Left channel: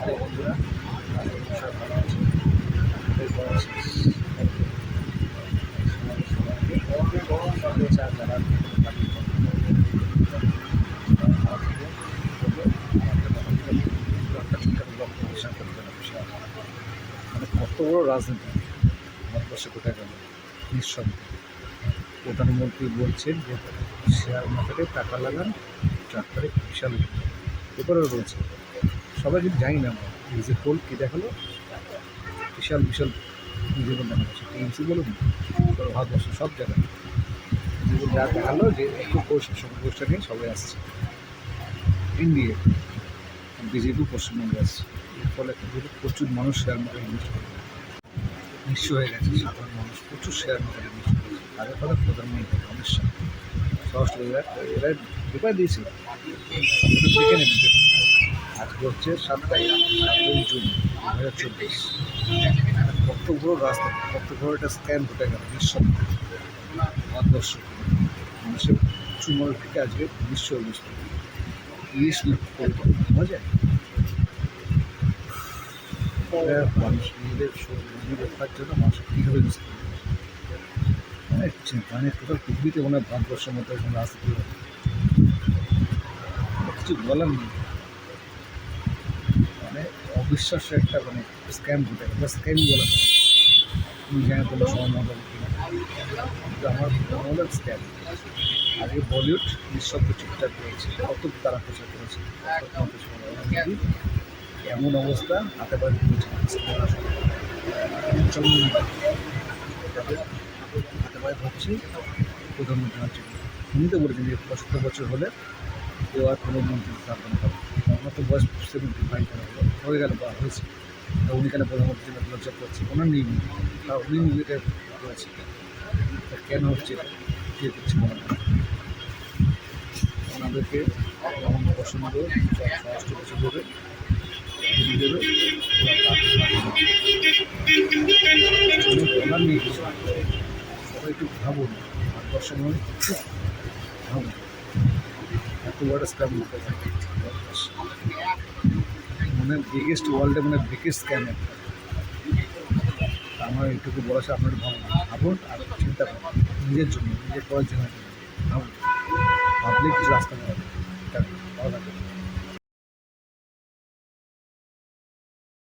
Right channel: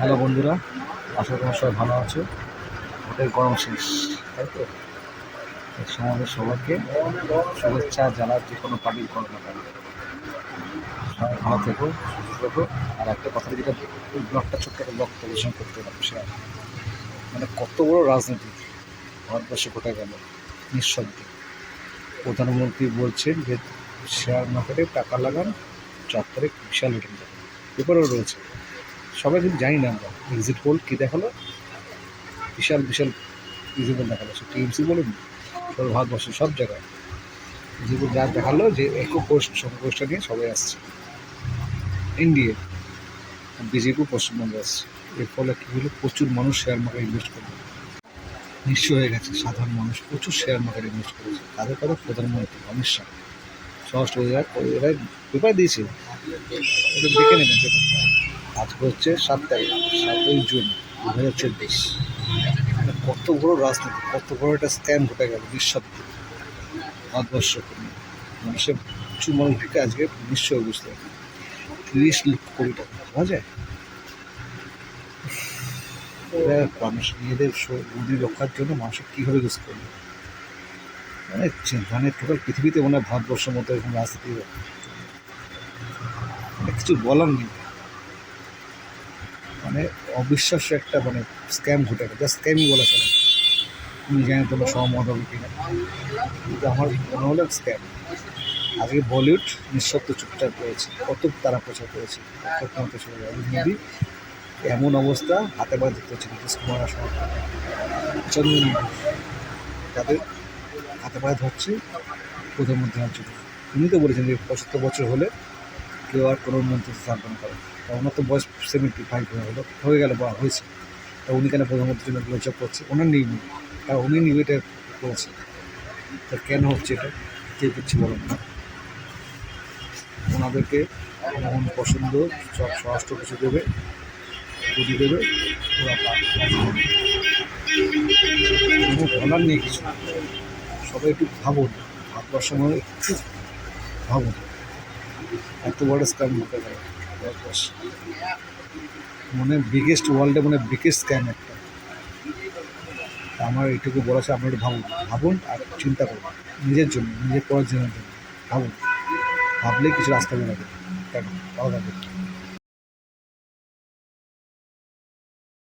Hello বন্ধুরা, আশা করি সবাই ভালো আছো। ওদের গরম শেষ, তাই তো সমাজের সবাইকে শুভেচ্ছা। যারা যে কোনো পার্টি করো না কেন, সবাই ভালো থেকো, সুস্থ থেকো। আর একটা কথা, যেটা এই ব্লগটা ছোট্ট একটা ব্লগ প্রদর্শন করতে গেলাম, শেয়ার মানে কত বড় রাজনীতি ভারতবর্ষে ঘটে গেল নিঃশব্দে। প্রধানমন্ত্রী বলছেন যে শেয়ার মার্কেটে টাকা লাগান, 4 তারিখ বিশাল রিটার্ন। পেপারও রয়েছে, সবাই কিন্তু জানি না আমরা। এক্সিট পোল কী দেখালো, বিশাল বিশাল এক্সিট দেখা যাচ্ছে। টিএমসি বলুন, পুরো ভারতবর্ষের সব জায়গায় এক্সিট যা দেখালো যে সংঘর্ষটা নিয়ে সবাই আসছে ইন্ডিয়া, বিজেপি পশ্চিমবঙ্গে আসছে। এর ফলে কী হলো, প্রচুর মানুষ শেয়ার মার্কেটে ইনভেস্ট করবে, নিঃস্ব হয়ে গেছে সাধারণ মানুষ। প্রচুর শেয়ার মার্কেটে ইনভেস্ট করেছে। তাদের কথা প্রধানমন্ত্রী অমিত শাহ স্বরাষ্ট্র এরা পেপার দিয়েছে, একটু দেখে নেবেন পেপারটা। আজকে হচ্ছে 7 তারিখ, 7ই জুন 2024। মানে কত বড় রাজনীতি, কত বড় একটা স্ক্যাম ঘটে গেল নিঃশব্দে ভারতবর্ষ। মানুষের প্রচুর মানুষ ঢেকে আজকে নিঃস্ব হয়ে বুঝতে পারে। 30 লক্ষ কোটি টাকা ভাবা যায়। এরা মানুষ নিজেদের বুদ্ধি রক্ষার জন্য মানুষের কীভাবে ইউজ করবে, মানে টোটাল পৃথিবীতে মনে হয় ভারতবর্ষের মতো এরকম রাজনীতি কিছু বলার নেই। মানে অবিশ্বাস্য একটা মানে স্ক্যাম ঘটে গেছে, স্ক্যামই বলা চলে। তুমি জানি তোমার সহমত হবে কিনা, কিন্তু আমার মনে হলো স্ক্যাম। আজকে বলিউড নিঃশব্দ চুপচাপ রয়েছে, কত তারা প্রচার করেছে, কত চলে যায় হিন্দি। এমন অবস্থা, হাতে পায়ে ধরতে হচ্ছে কুমার চন্দ্রমণি, তাদের হাতে পায়ে ধরছে প্রধানমন্ত্রী হওয়ার জন্য। উনি তো বলেছেন যে 75 বছর হলে কেউ আর কোনো মন্ত্রিত্ব থাকবে না পারে। ওনার তো বয়স 75 হয়ে গেল বা হয়েছে, তা উনি কেন প্রধানমন্ত্রীর জন্য লোচক করছে? ওনার নেই, কারণ উনি এটা করেছে। তা কেন হচ্ছে এটা, কে করছে বলেন না? ওনাদেরকে এমন পছন্দ, সব স্বরাষ্ট্র কিছু দেবে, বুদ্ধি দেবে, ওরা কোনো বলার নেই কিছু। সবাই একটু ভাবুন, ভারতবর্ষের মনে একটু ভাবুন, এত বড় স্ক্যাম হতে পারে ভারতবর্ষ। মনে বিগেস্ট, ওয়ার্ল্ডে মনে বিগেস্ট স্ক্যাম একটা। আমার এইটুকু বলা আছে, আপনারা ভাবুন, ভাবুন আর চিন্তা করুন নিজের জন্য, নিজের পরের জন্য ভাবুন। ভাবলেই কিছু রাস্তা বেরোবে। ভালো থাকবে।